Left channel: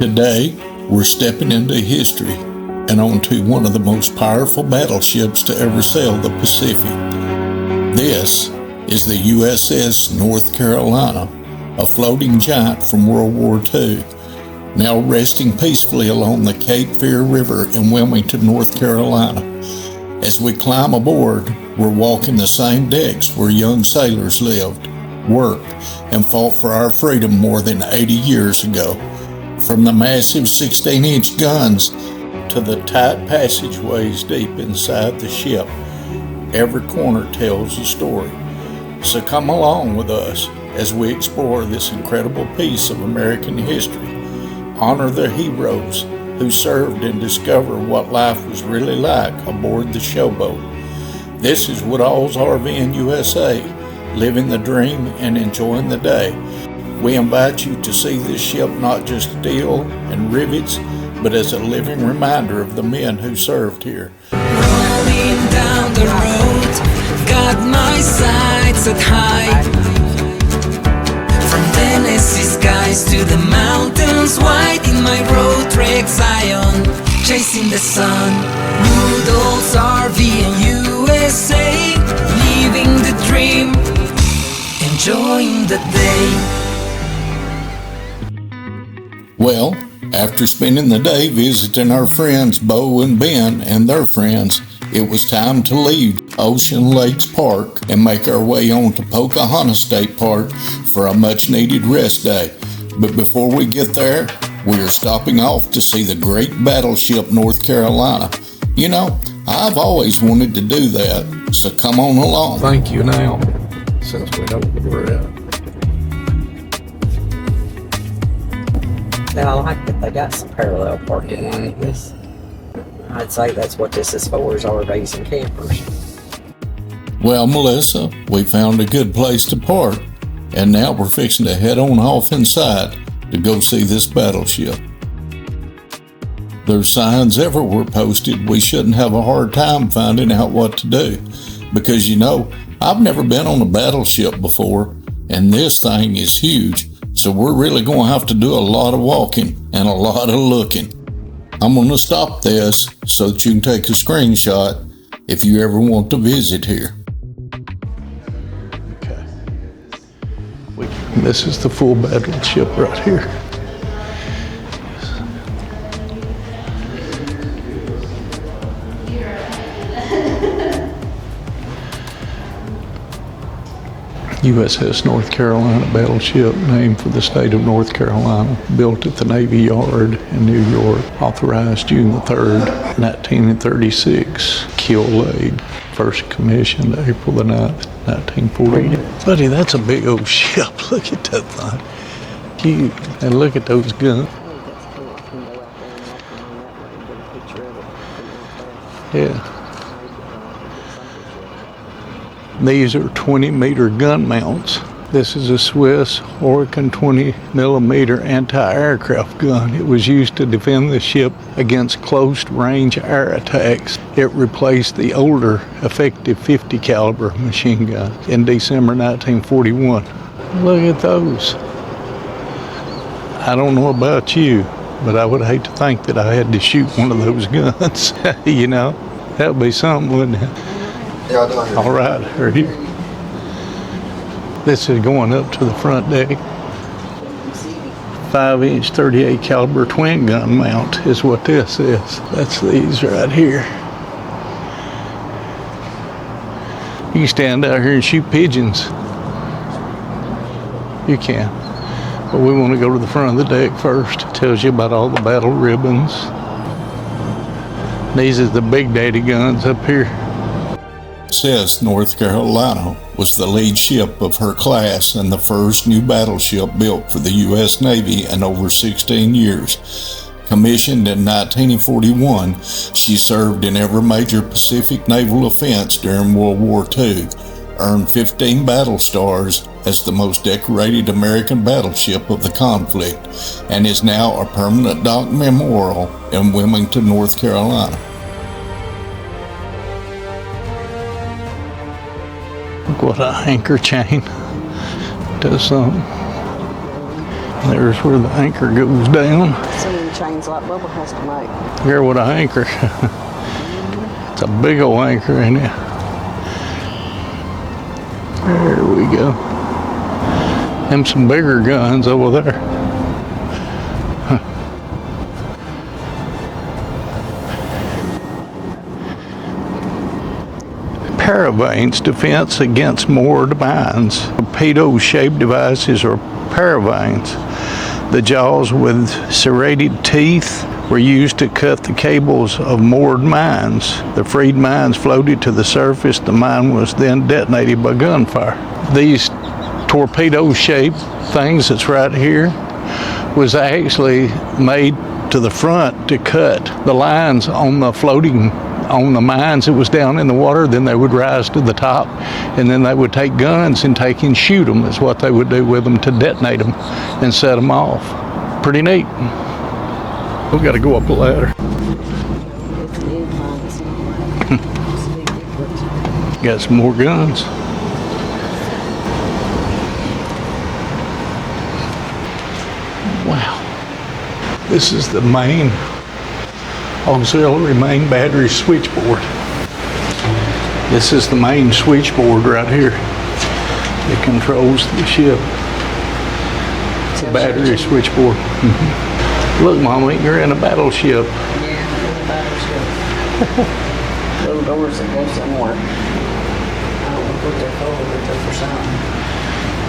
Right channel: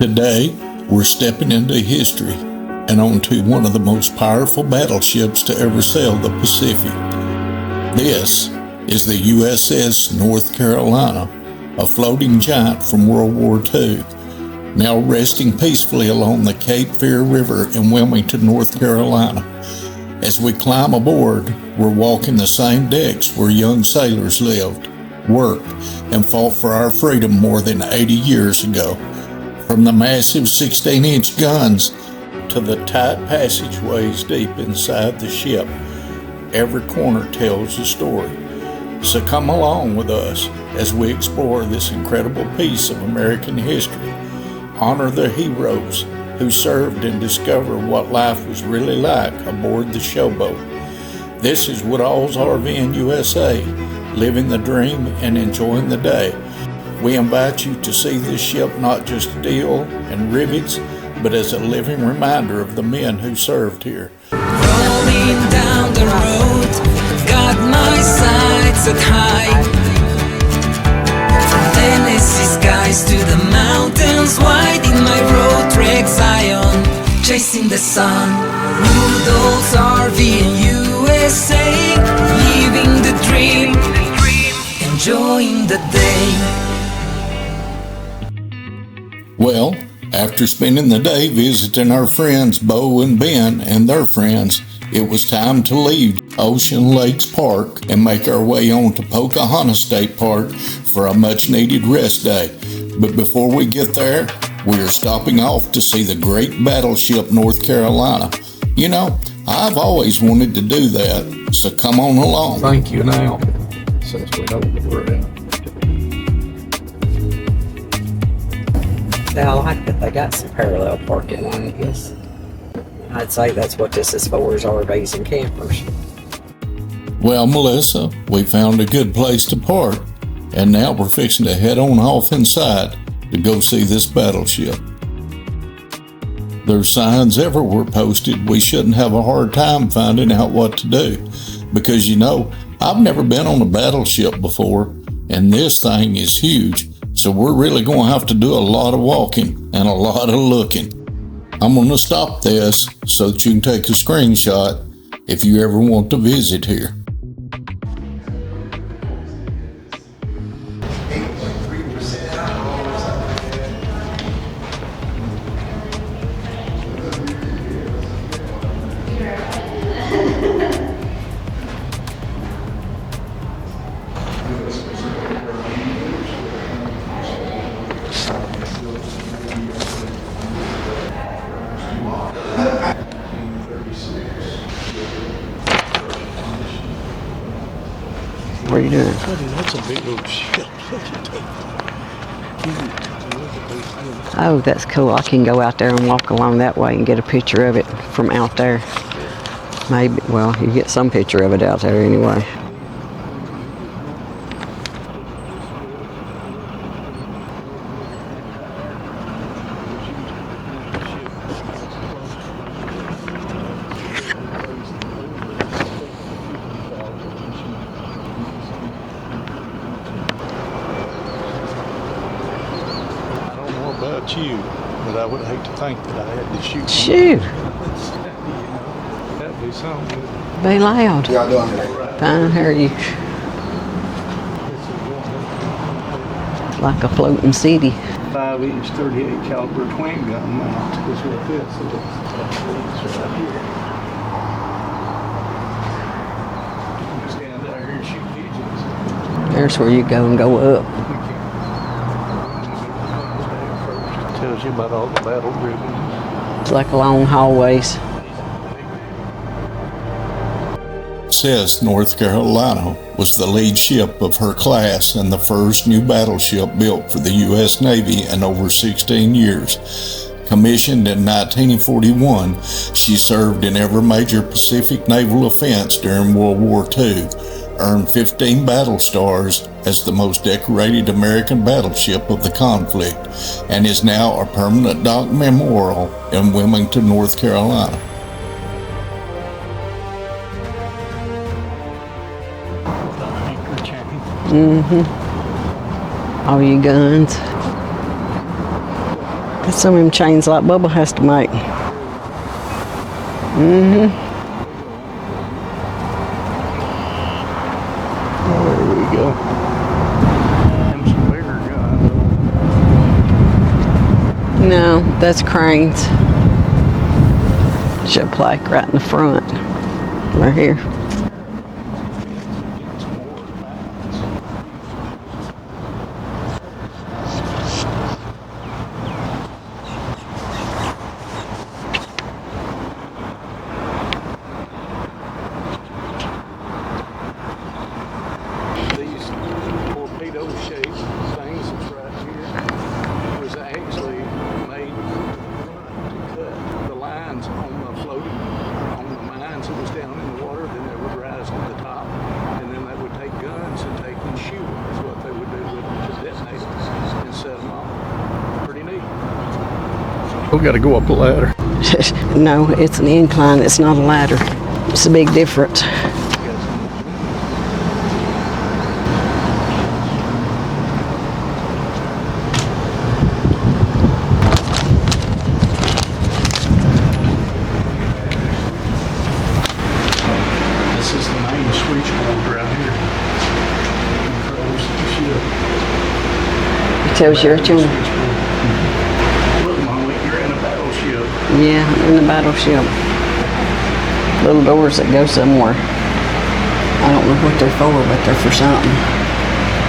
Today, we're stepping into history and onto one of the most powerful battleships to ever sail the Pacific. This is the USS North Carolina, a floating giant from World War II, now resting peacefully along the Cape Fear River in Wilmington, North Carolina. As we climb aboard, we're walking the same decks where young sailors lived, worked, and fought for our freedom more than 80 years ago. From the massive 16-inch guns to the tight passageways deep inside the ship, every corner tells a story. So come along with us as we explore this incredible piece of American history, honor the heroes who served, and discover what life was really like aboard the showboat. This is Woodall's RVnusa, living the dream and enjoying the day. We invite you to see this ship not just steel and rivets, but as a living reminder of the men who served here. Rolling down the road, got my sights set high. From Tennessee skies to the mountains wide, in my Roadtrek Zion, chasing the sun. Woodall's RVnusa, living the dream, enjoying the day. Well, after spending the day visiting our friends Bo and Ben and their friends, it was time to leave Ocean Lakes Park and make our way on to Pocahontas State Park for a much-needed rest day. But before we get there, we are stopping off to see the great Battleship North Carolina. You know, I've always wanted to do that, so come on along. Thank you now, since we know where we're at. I like that they got some parallel parking on it. Yes, I'd say that's what this is for, is RVs and campers. Well, Melissa, we found a good place to park, and now we're fixing to head on off inside to go see this battleship. There's signs everywhere posted. We shouldn't have a hard time finding out what to do, because you know, I've never been on a battleship before, and this thing is huge. So we're really going to have to do a lot of walking and a lot of looking. I'm going to stop this so that you can take a screenshot if you ever want to visit here. And this is the full battleship right here. USS North Carolina battleship, named for the state of North Carolina, built at the Navy Yard in New York, authorized June 3rd, 1936, keel laid, first commissioned April the 9th, 1941. Buddy, that's a big old ship. Look at that thing. Huge. And look at those guns. Oh, that's cool. I can go out there and walk along that way and get a picture of it from out there. Yeah. Maybe, well, you get some picture of it out there anyway. These are 20-meter gun mounts. This is a Swiss Oregon 20-millimeter anti-aircraft gun. It was used to defend the ship against close-range air attacks. It replaced the older effective 50 caliber machine gun in December 1941. Look at those. I don't know about you, but I would hate to think that I had to shoot one of those guns, you know? That would be something, wouldn't it? Be loud. All right. I can hear you. This is going up to the front deck. Like a floating city. 5-inch 38 caliber twin gun mount is what this is. That's these right here. You can stand out here and shoot pigeons. There's where you go and go up. You can. But we want to go to the front of the deck first. It tells you about all the battle ribbons. It's like long hallways. These are the big daddy guns up here. USS North Carolina was the lead ship of her class and the first new battleship built for the U.S. Navy in over 16 years. Commissioned in 1941, she served in every major Pacific naval offense during World War II, earned 15 battle stars as the most decorated American battleship of the conflict, and is now a permanent dock memorial in Wilmington, North Carolina. What an anchor chain. Mm-hmm. Does something. All your guns. There's where the anchor goes down. Some of them chains like Bubba has to make. Here with an anchor. It's a big old anchor in it. There we go. Them some bigger guns over there. No, that's cranes. Ship plaque right in the front. Right here. Paravanes, defense against moored mines. Torpedo-shaped devices are paravanes. The jaws with serrated teeth were used to cut the cables of moored mines. The freed mines floated to the surface. The mine was then detonated by gunfire. These torpedo-shaped things that's right here was actually made to the front to cut the lines on the floating on the mines that was down in the water. Then they would rise to the top, and then they would take guns and take and shoot them. That's what they would do with them to detonate them and set them off. Pretty neat. We got to go up the ladder. No, it's an incline. It's not a ladder. It's a big difference. Got some more guns. Wow. This is the main auxiliary main battery switchboard. This is the main switchboard right here. It controls the ship. It tells you Battery switchboard. Look, Mommy, you're in a battleship. Yeah, in the battleship. Little doors that go somewhere. I don't know what they're for, but they're for something.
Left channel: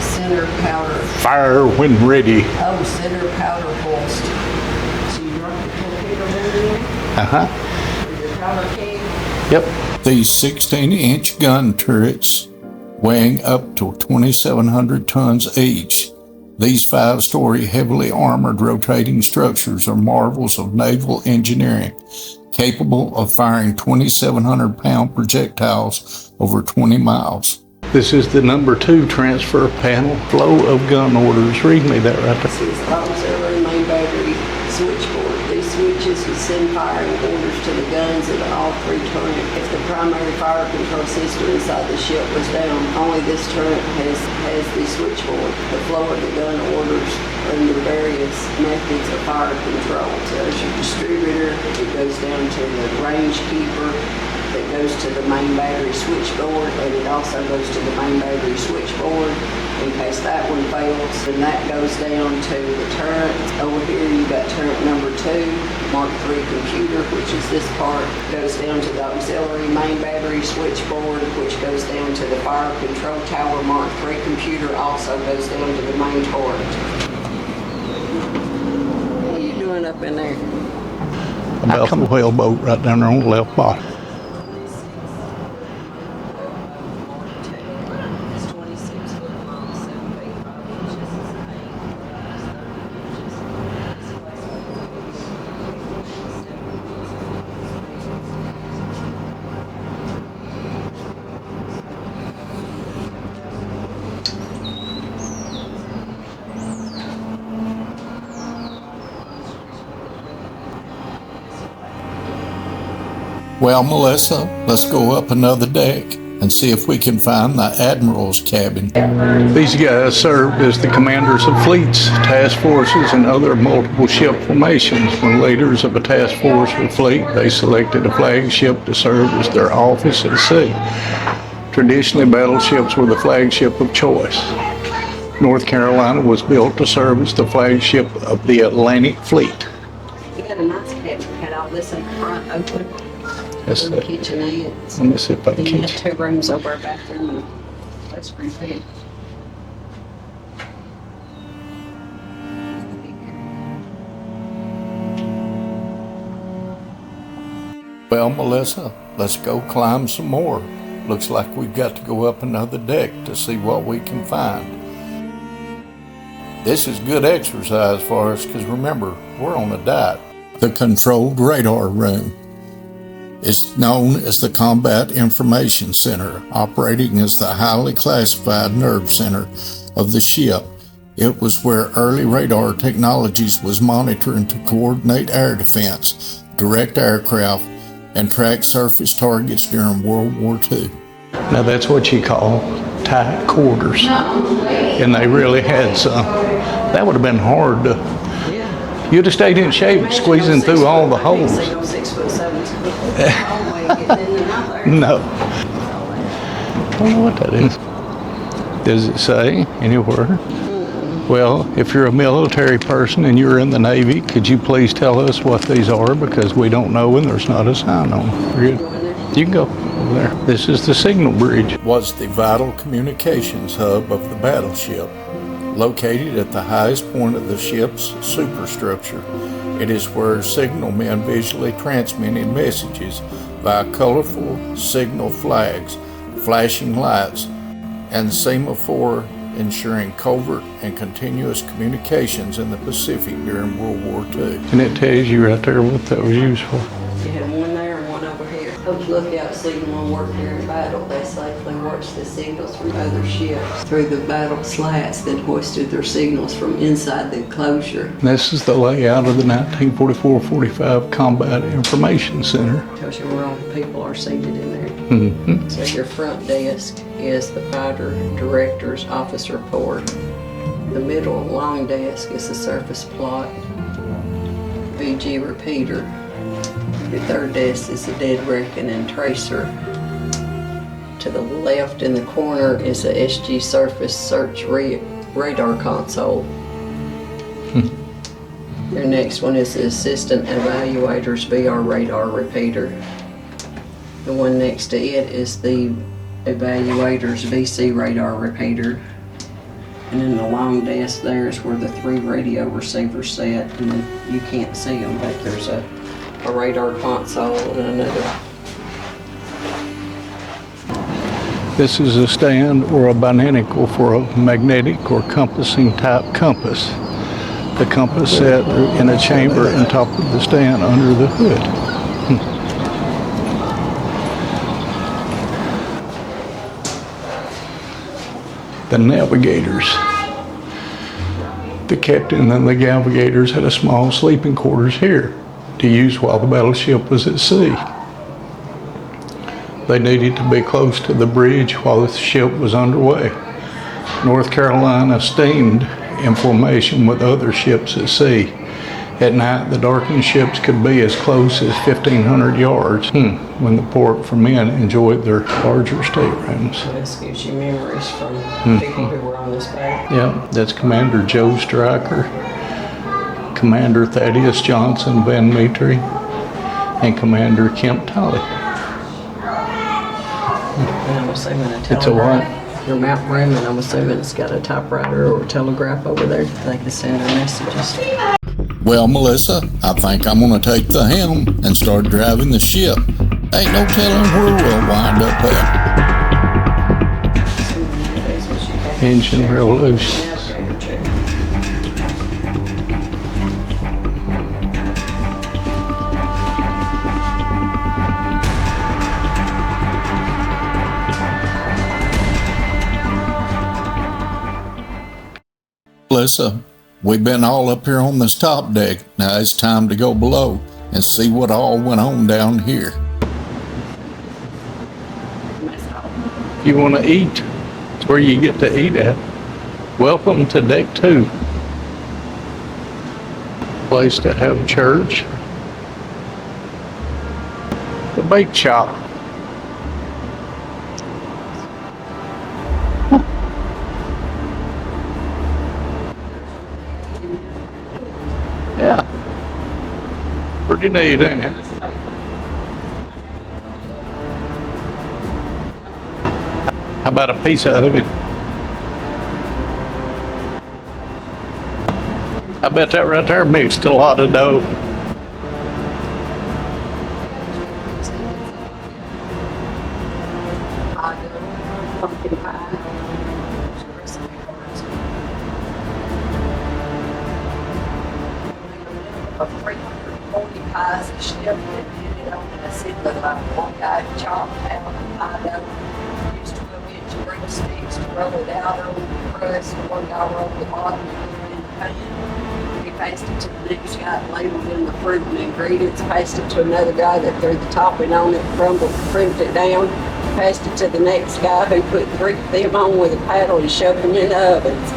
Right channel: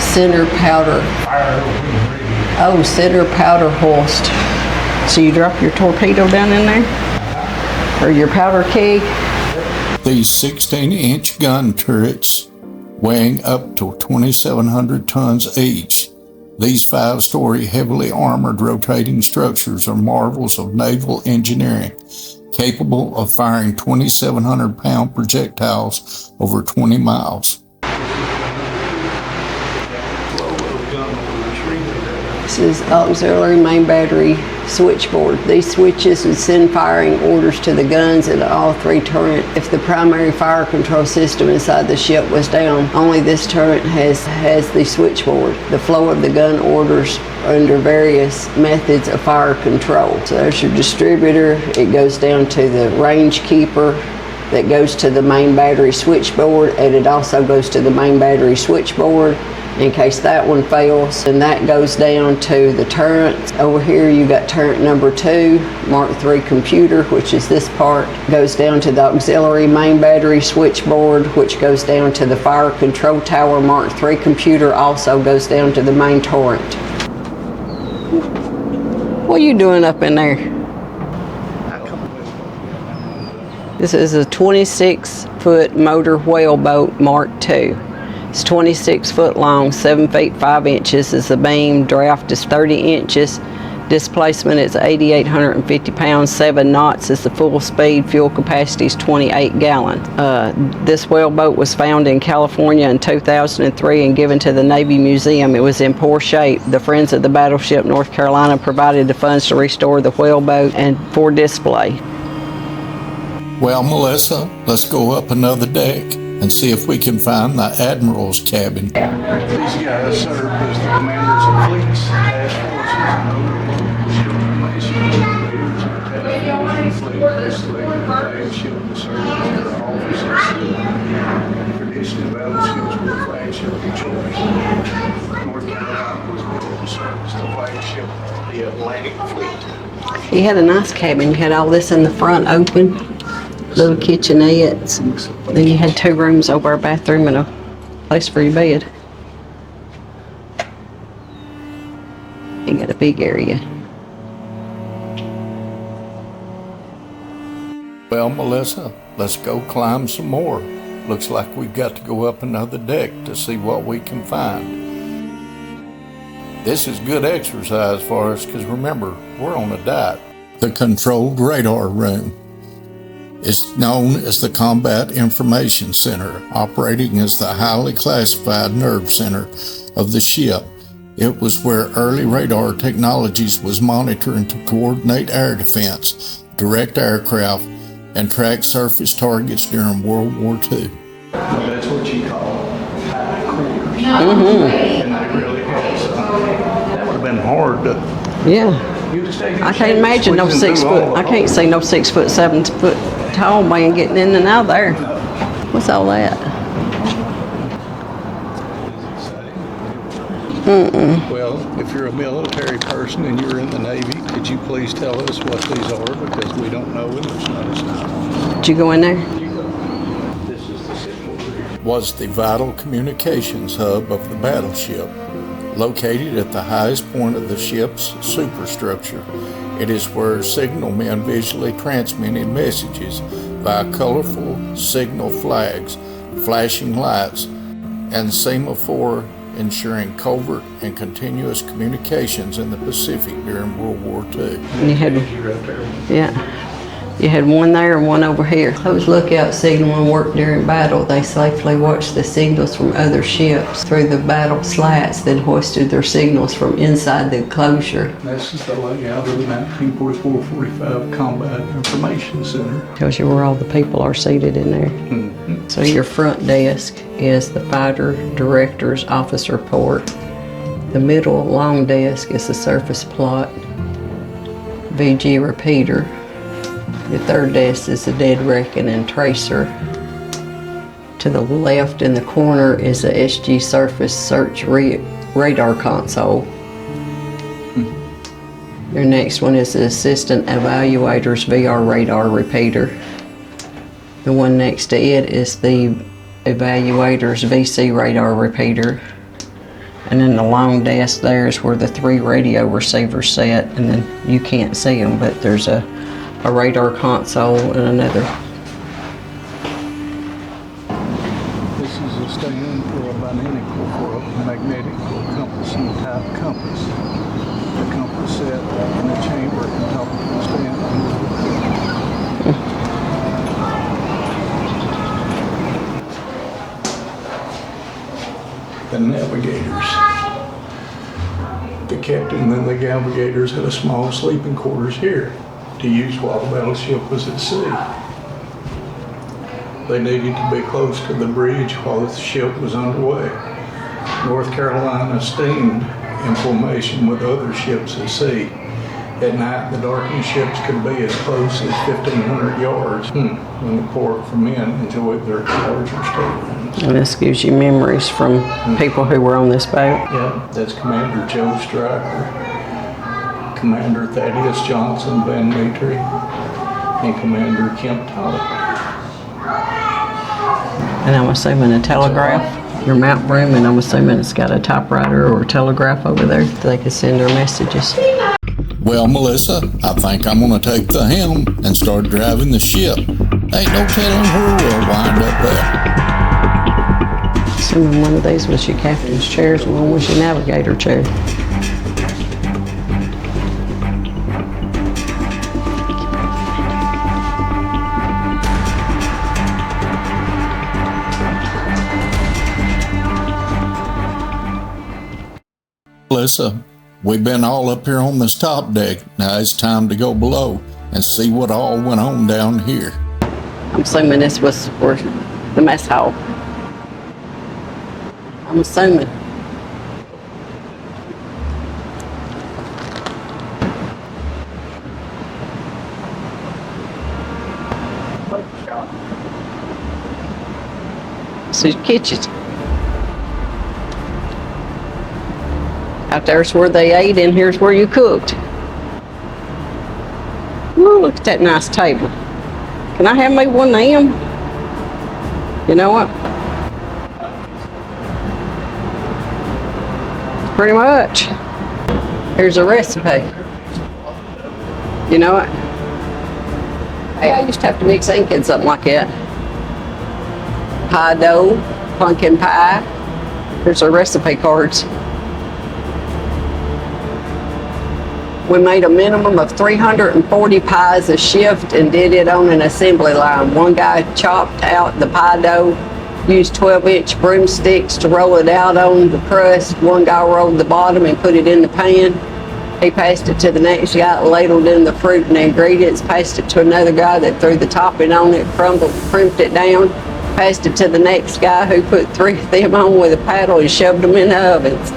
Center powder. Fire when ready. Oh, center powder hoist. So you drop your torpedo down in there? Uh-huh. Or your powder keg? Yep. These 16-inch gun turrets, weighing up to 2,700 tons each. These 5-story, heavily armored rotating structures are marvels of naval engineering, capable of firing 2,700-pound projectiles over 20 miles. This is the number 2 transfer panel. Flow of gun orders. Read me that right This there. is auxiliary main battery switchboard. These switches would send firing orders to the guns and all 3 turrets. If the primary fire control system inside the ship was down, only this turret has the switchboard. The flow of the gun orders under various methods of fire control. So there's your distributor. It goes down to the range keeper. That goes to the main battery switchboard, and it also goes to the main battery switchboard in case that one fails. And that goes down to the turret. Over here you got turret number 2, Mark III computer, which is this part, goes down to the auxiliary main battery switchboard, which goes down to the fire control tower. Mark III computer also goes down to the main turret. What are you doing up in there? About the whaleboat right down there on the left box. This is a 26-foot motor whaleboat Mark II. It's 26 foot long, 7 feet 5 inches is the beam. Draft is 30 inches. Displacement is 8,850 pounds. 7 knots is the full speed. Fuel capacity is 28 gallons. This whaleboat was found in California in 2003 and given to the Navy Museum. It was in poor shape. The Friends of the Battleship North Carolina provided the funds to restore the whaleboat and for display. Well, Melissa, let's go up another deck and see if we can find the Admiral's cabin. These guys served as the commanders of fleets, task forces, and other multiple ship formations. When leaders of a task force or fleet, they selected a flagship to serve as their office at sea. Traditionally, battleships were the flagship of choice. North Carolina was built to serve as the flagship of the Atlantic Fleet. You had a nice cabin. You had all this in the front open. Little kitchenettes. Let me see if I Then you can- had 2 rooms over a bathroom and a place for your bed. You got a big area. Well, Melissa, let's go climb some more. Looks like we've got to go up another deck to see what we can find. This is good exercise for us because remember, we're on a diet. The controlled radar room is known as the Combat Information Center, operating as the highly classified nerve center of the ship. It was where early radar technologies was monitoring to coordinate air defense, direct aircraft, and track surface targets during World War II. Now that's what you call tight quarters. And they really had some. That would have been hard to, Yeah. you'd have stayed in I shape, can't imagine no squeezing 6 through all foot. the I can't holes. see no 6'7" tall man getting in and out there. No. What's all that? I don't know what that is. Does it say anywhere? Well, if you're a military person and you're in the Navy, could you please tell us what these are? Because we don't know and there's not a sign on them. Did you go in there? You can go over there. This is the signal bridge. Was the vital communications hub of the battleship. Located at the highest point of the ship's superstructure, it is where signalmen visually transmitted messages via colorful signal flags, flashing lights, and semaphore, ensuring covert and continuous communications in the Pacific during World War II. And it tells you right there what they were Yeah. used for. You had one there and one over here. Those lookout signalmen worked during battle. They safely watched the signals from other ships through the battle slats, then hoisted their signals from inside the enclosure. This is the layout of the 1944-45 Combat Information Center. Tells you where all the people are seated in there. So your front desk is the fighter director's office report. The middle long desk is the surface plot, VG repeater. The third desk is the dead reckoning tracer. To the left in the corner is the SG surface search radar console. Your next one is the assistant evaluator's VR radar repeater. The one next to it is the evaluator's VC radar repeater. And then the long desk there is where the 3 radio receivers sit, and then you can't see them, but there's a radar console and another. This is a stand or a binnacle for a magnetic or compassing type compass. The compass set in a chamber on top of the stand under the hood. The navigators. The captain and the navigators had a small sleeping quarters here to use while the battleship was at sea. They needed to be close to the bridge while the ship was underway. North Carolina steamed in formation with other ships at sea. At night, the darkened ships could be as close as 1,500 yards when the port for men enjoyed their larger staterooms. And this gives you memories from people who were on this boat. Yep, that's Commander Joe Stryker, Commander Thaddeus Johnson Van Metre, and Commander Kemp Tolley. And I'm assuming a telegraph, your map room, and I'm assuming it's got a typewriter or a telegraph over there so they can send their messages. Well, Melissa, I think I'm gonna take the helm and start driving the ship. Ain't no telling where we'll wind up at. Assuming one of these was your captain's Engine chair and one was loose. your navigator chair. Melissa, we've been all up here on this top deck. Now it's time to go below and see what all went on down here. I'm assuming this was for the mess hall. You want to eat? It's where you get to eat assuming. at. Welcome to Deck 2. Place to have church. The bake shop. So your kitchen. Out there's where they ate, and here's where you cooked. Yeah. Pretty Ooh, neat, look at that ain't it? nice table. Can I have me one of them? You know what? How about a piece out of it? Pretty much. Here's a I bet recipe. that right there mixed a lot of dough. You know what? Hey, I used to have to mix ink in something like that. Pie dough, pumpkin pie. Here's our recipe cards. We made a minimum of 340 pies a shift and did it on an assembly line. One guy chopped out the pie dough, used 12-inch broomsticks to roll it out on the crust. One guy rolled the bottom and put it in the pan. He passed it to the next guy, ladled in the fruit and ingredients, passed it to another guy that threw the topping on it, crumbled, crimped it down, Passed it to the next guy who put 3 of them on with a paddle and shoved them in the ovens.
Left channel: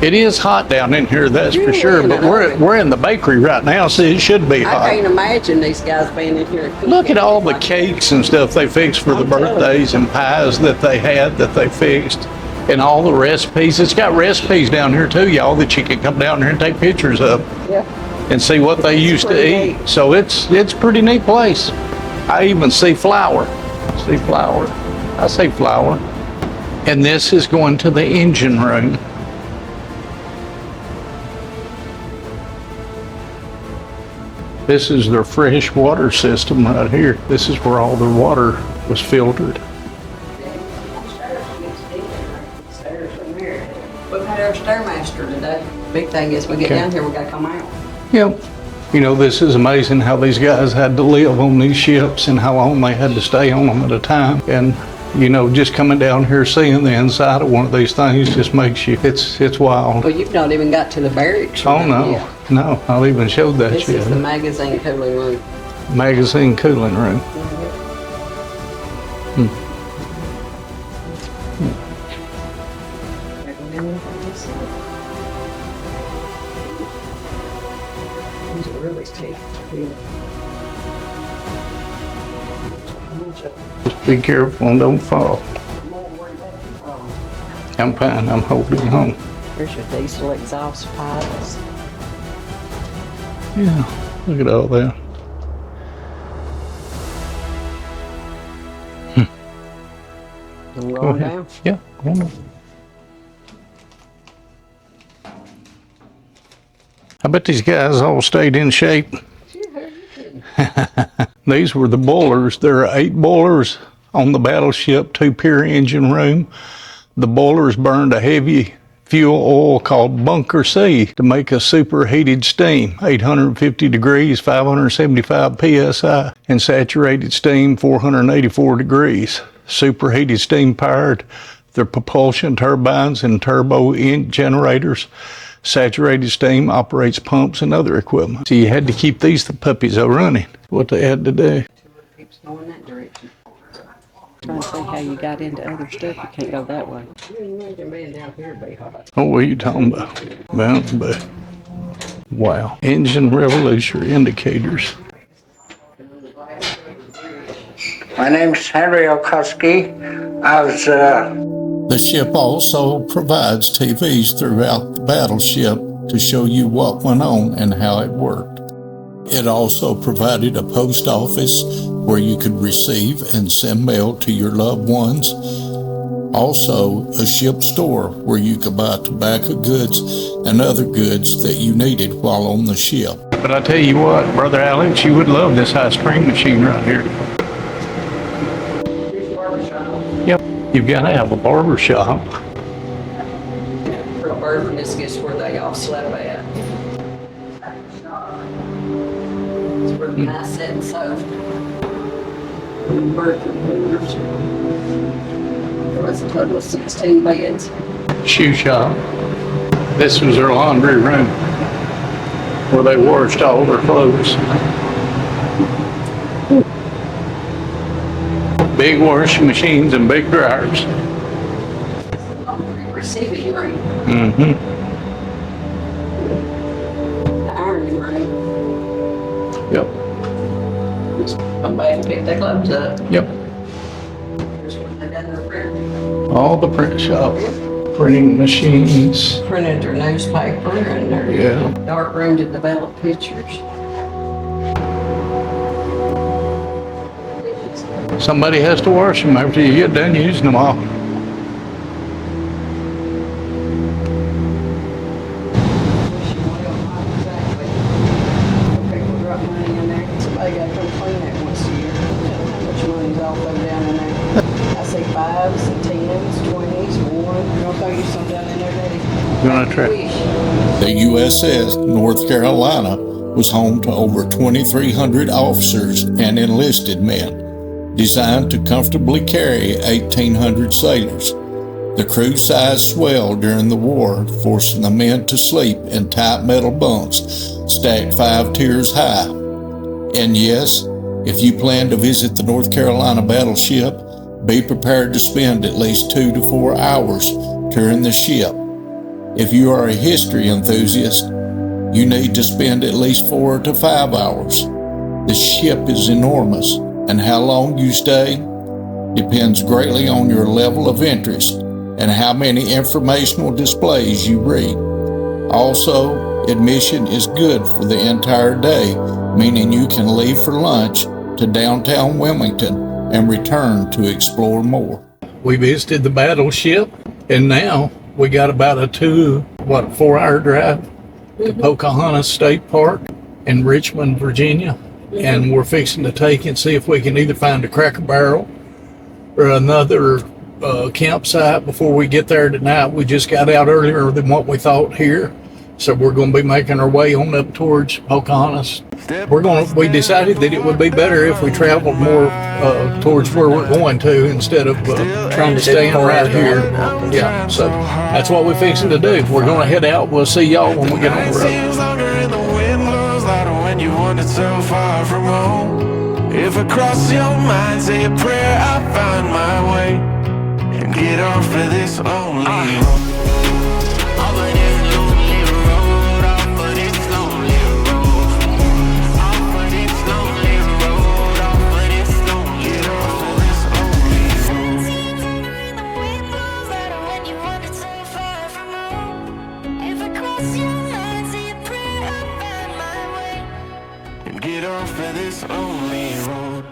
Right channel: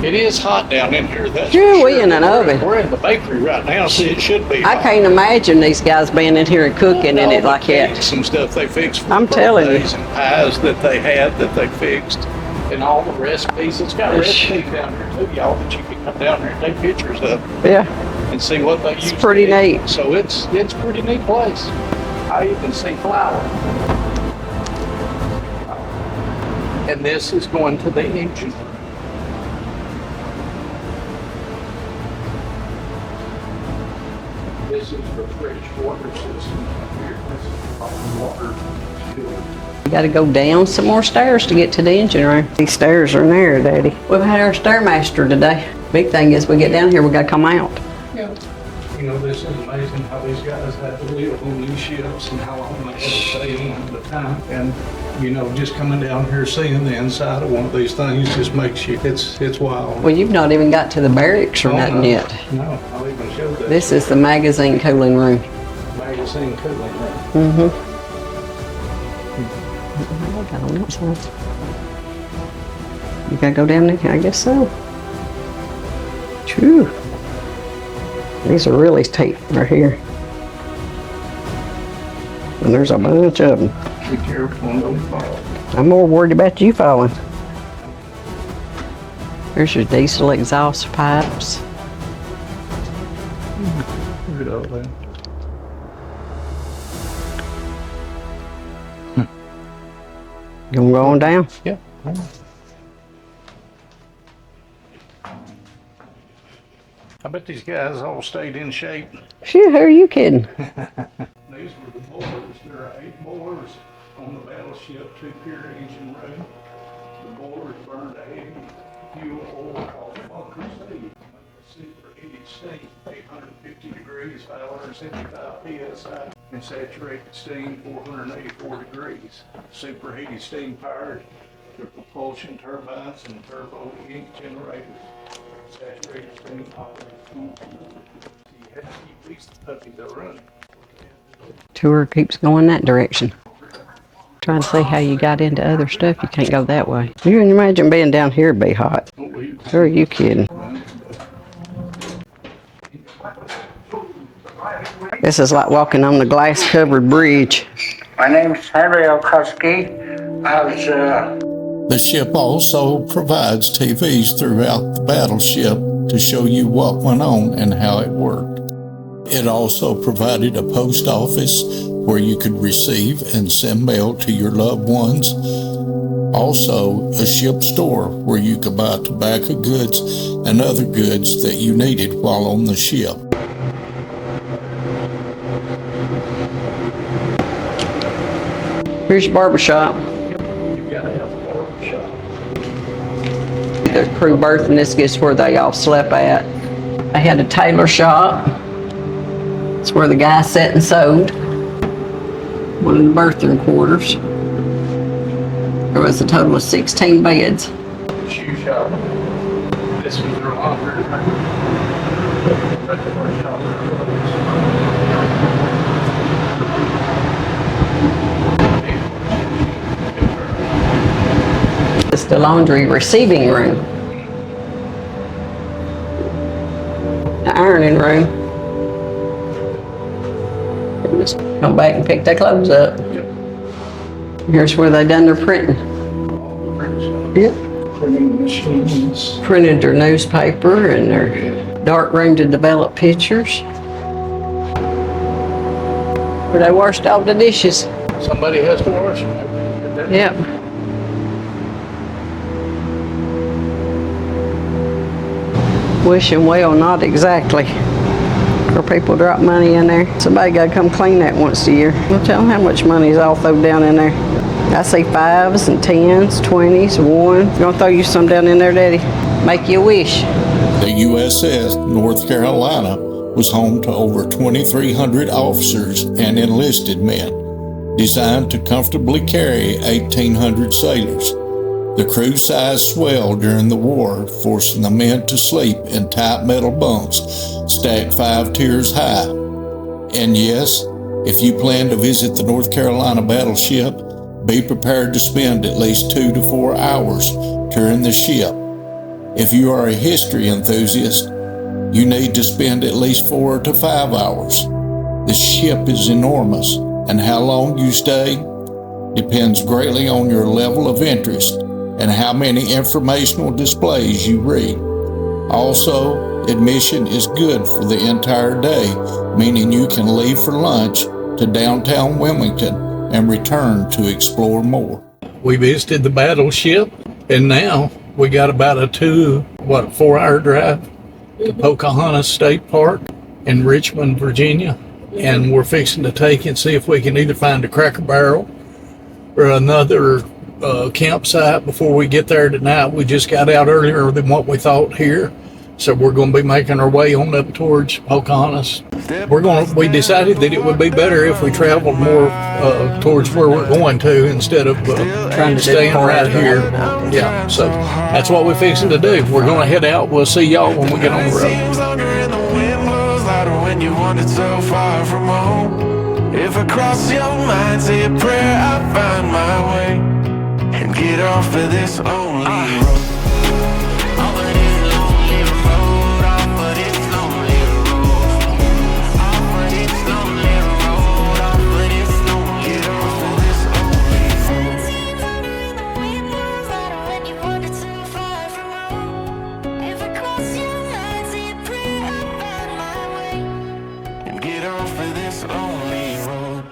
It is hot down in here, that's Yeah, for we're sure. in an But oven. we're in the bakery right now, so it should be hot. I can't imagine these guys being in here Look cooking at in all it the like that. cakes and stuff they fixed for I'm the telling you. birthdays and pies that they had that they fixed. And all the recipes. It's got recipes down here too, y'all, that you can come down here and take pictures of Yeah. and see what they used to pretty eat. neat. So it's a pretty neat place. I even see flour. I see flour. And this is going to the engine room. This is their fresh water system right here. This is where all their water was filtered. You gotta go down some more stairs to get to the engine room. These stairs are narrow, Daddy. We've had our stairmaster today. Big thing is we get down here, we gotta come out. Yep. You know, this is amazing how these guys had to live on these ships and how long they had to stay on them at a time. And, you know, just coming down here, seeing the inside of one of these things just makes you, it's wild. Well, you've not even got to the barracks or nothing yet. No, I'll even show that This shit. is the magazine cooling room. Magazine cooling room. You gotta go down there? I guess so. True. These are really tight right here. And there's a bunch of them. Just be careful and don't fall. I'm more worried about you falling. I'm fine, I'm holding on. There's your diesel exhaust pipes. Look at all that. You gonna go on down? Yeah. Hold on. I bet these guys all stayed in shape. Shit, who are you kidding? These were the boilers. There are 8 boilers on the Battleship 2-pier engine room. The boilers burned a heavy fuel oil called Bunker C to make a superheated steam, 850 degrees, 575 psi, and saturated steam, 484 degrees. Superheated steam powered their propulsion turbines and turbo generators. Saturated steam operates pumps and other equipment. So you had to keep these puppies running. What they had to do. Tour keeps going that direction. Trying to see how you got into other stuff. You can't go that way. You can imagine being down here would be hot. Oh, what are you talking Who are about? you kidding? But wow. Engine revolution indicators. This is like walking on the glass-covered bridge. My name's Henry Okoski. I was The ship also provides TVs throughout the battleship to show you what went on and how it worked. It also provided a post office where you could receive and send mail to your loved ones. Also, a ship store where you could buy tobacco goods and other goods that you needed while on the ship. But I tell you what, Brother Alex, you would love this ice cream machine right here. Here's your barber shop. Yep. You've got to have a barber shop. The crew berth, and this is where they all slept at. They had a tailor shop. It's where the guy sat and sewed. One of the berthing quarters. There was a total of 16 beds. Shoe shop. This was their laundry room where they washed all their clothes. Big washing machines and big dryers. It's the laundry receiving room. Mm-hmm. The ironing room. Yep. They just come back and pick their clothes up. Yep. Here's where they done their printing. All the print shop. Yep. Printing machines. Printed their newspaper and their dark room to develop pictures. Where they washed all the dishes. Somebody has to wash them after you get done Yeah. using them all. Wishing well, not exactly. For people drop money in there. Somebody gotta come clean that once a year. We'll tell them how much money is all thrown down in there. I see 5s and 10s, 20s, 1. You gonna throw you some down in there, Daddy? Make you a wish. The USS North Carolina was home to over 2,300 officers and enlisted men, designed to comfortably carry 1,800 sailors. The crew size swelled during the war, forcing the men to sleep in tight metal bunks stacked 5 tiers high. And yes, if you plan to visit the North Carolina battleship, Be prepared to spend at least 2 to 4 hours touring the ship. If you are a history enthusiast, you need to spend at least 4 to 5 hours. The ship is enormous, and how long you stay depends greatly on your level of interest and how many informational displays you read. Also, admission is good for the entire day, meaning you can leave for lunch to downtown Wilmington and return to explore more. We visited the Battleship, and now we got about a 4-hour drive to Pocahontas State Park in Richmond, Virginia. And we're fixing to take and see if we can either find a Cracker Barrel or another campsite before we get there tonight. We just got out earlier than what we thought here, so we're going to be making our way on up towards Pocahontas. We decided that it would be better if we traveled more towards where we're going to instead of trying to stay right here. Yeah, so that's what we're fixing to do. We're going to head out. We'll see y'all when we get on the road. When you wander so far from home, if I cross your mind, say a prayer, I find my way and get off of this lonely road. Off of this lonely road, off of this lonely road, off of this lonely road, off of this lonely road, off of this lonely road. And get off of this lonely road.